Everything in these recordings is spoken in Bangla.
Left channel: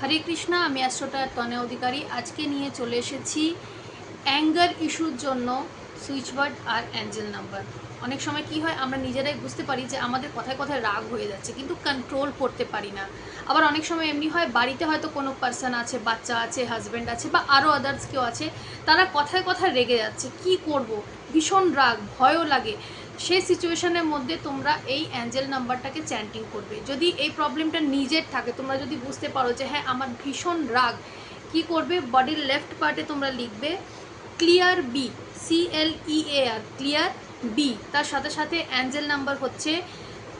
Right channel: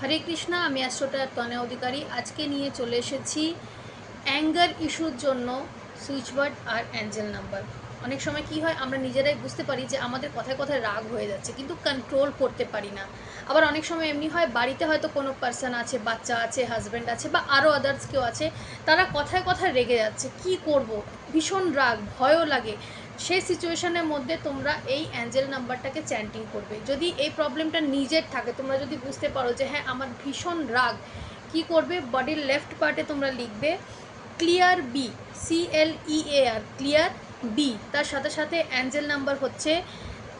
হরে কৃষ্ণা, আমি অ্যাস্ট্রোটার তনয় অধিকারী। আজকে নিয়ে চলে এসেছি অ্যাঙ্গার ইস্যুর জন্য সুইচওয়ার্ড আর অ্যাঞ্জেল নাম্বার। অনেক সময় কি হয়, আমরা নিজেরাই বুঝতে পারি যে আমাদের কথায় কথায় রাগ হয়ে যাচ্ছে, কিন্তু কন্ট্রোল করতে পারি না। আবার অনেক সময় এমনি হয়, বাড়িতে হয়তো কোনো পার্সন আছে, বাচ্চা আছে, হাজব্যান্ড আছে, বা আরও আদার্স কেউ আছে, তারা কথায় কথায় রেগে যাচ্ছে। কি করব, ভীষণ রাগ, ভয়ও লাগে। সেই সিচুয়েশনের মধ্যে তোমরা এই অ্যাঞ্জেল নাম্বারটাকে চ্যান্টিং করবে। যদি এই প্রবলেমটা নিজের থাকে, তোমরা যদি বুঝতে পারো যে হ্যাঁ আমার ভীষণ রাগ, কি করবে, বডির লেফট পার্টে তোমরা লিখবে clear B, CLEAR, clear B. তার সাথে সাথে অ্যাঞ্জেল নাম্বার হচ্ছে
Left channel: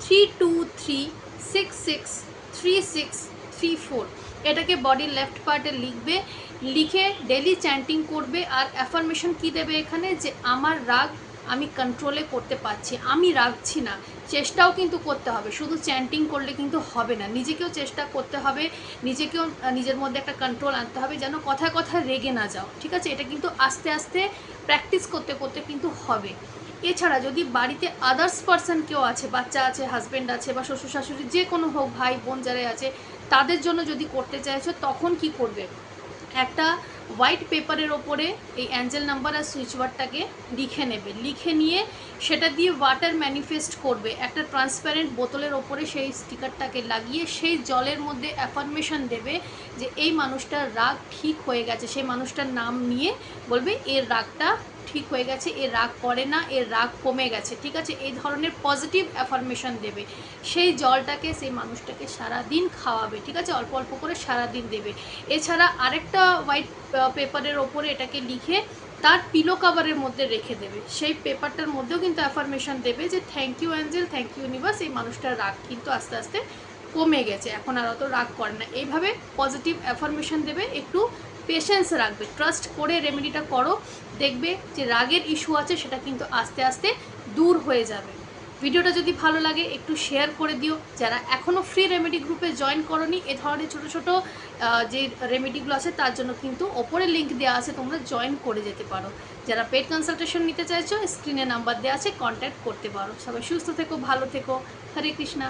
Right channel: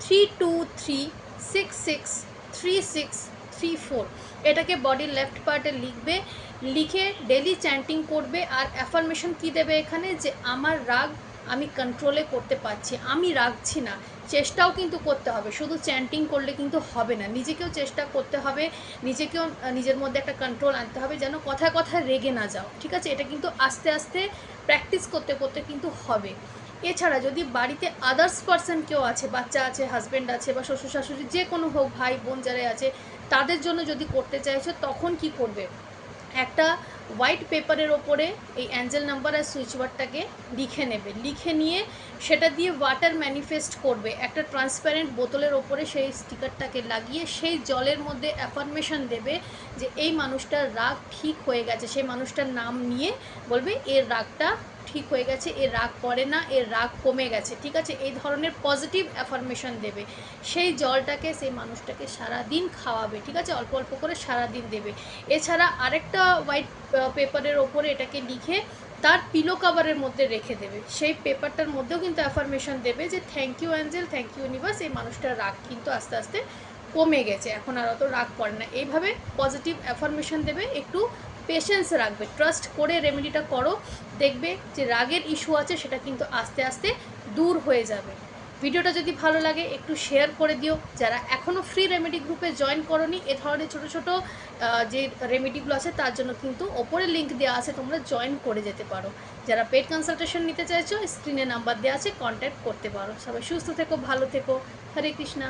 3236636334। এটাকে বডির লেফট পার্টে লিখবে, লিখে ডেলি চ্যান্টিং করবে। আর অ্যাফার্মেশন কি দেবে এখানে, যে আমার রাগ আমি কন্ট্রোলে করতে পারছি, আমি রাগছি না। চেষ্টাও কিন্তু করতে হবে, শুধু চ্যান্টিং করলে কিন্তু হবে না, নিজেকেও চেষ্টা করতে হবে, নিজেকেও নিজের মধ্যে একটা কন্ট্রোল আনতে হবে, যেন কথায় কথায় রেগে না যাও। ঠিক আছে, এটা কিন্তু আস্তে আস্তে প্র্যাকটিস করতে করতে কিন্তু হবে। এছাড়া যদি বাড়িতে আদার্স পার্সন কেউ আছে, বাচ্চা আছে, হাজব্যান্ড আছে, বা শ্বশুর শাশুড়ি যে কোনো হোক, ভাই বোন যারা আছে, তাদের জন্য যদি করতে চাইছো, তখন কি করবে, একটা হোয়াইট পেপারের ওপরে এই অ্যাঞ্জেল নাম্বার আর সুইচওয়ার্ডটাকে লিখে নেবে। লিখে নিয়ে সেটা দিয়ে ওয়াটার ম্যানিফেস্ট করবে। একটা ট্রান্সপ্যারেন্ট বোতলের ওপরে সেই স্টিকারটাকে লাগিয়ে সেই জলের মধ্যে অ্যাফার্মেশন দেবে যে এই মানুষটার রাগ ঠিক হয়ে গেছে। সেই মানুষটার নাম নিয়ে বলবে এর রাগটা ঠিক হয়ে গেছে, এর রাগ করে না, এর রাগ কমে গেছে। ঠিক আছে, এই ধরনের পজিটিভ অ্যাফার্মেশন দেবে। সেই জলটাকে সেই মানুষটাকে সারাদিন খাওয়াবে। ঠিক আছে, অল্প অল্প করে সারাদিন দেবে। এছাড়া আরেকটা হোয়াইট পেপারের ওপরে এটাকে লিখে তার পিলো কাভারের মধ্যে রেখে দেবে। সেই পেপারটার মধ্যেও কিন্তু অ্যাফার্মেশন দেবে যে thank you angel, thank you universe, এই মানুষটার রাগ কিন্তু আস্তে আস্তে কমে গেছে, এখন আর অত রাগ করে না। এইভাবে পজিটিভ অ্যাফার্মেশন দেবে। একটু পেশেন্স রাখবে, ট্রাস্ট করে রেমেডিটা করো, দেখবে যে রাগের ইস্যু আছে সেটা কিন্তু আস্তে আস্তে দূর হয়ে যাবে। ভিডিওটা যদি ভালো লাগে একটু শেয়ার করে দিও। যারা এখনও ফ্রি রেমেডি গ্রুপে জয়েন করনি, এ ধরনের ছোটো ছোটো যে রেমেডিগুলো আছে তার জন্য কিন্তু ওপরে লিঙ্ক দেওয়া আছে, তোমরা জয়েন করে যেতে পারো। যারা পেড কনসালটেশন নিতে চাইছো, স্ক্রিনে নাম্বার দেওয়া আছে, কন্ট্যাক্ট করতে পারো। সবাই সুস্থ থেকো, ভালো থেকো। হরে কৃষ্ণা।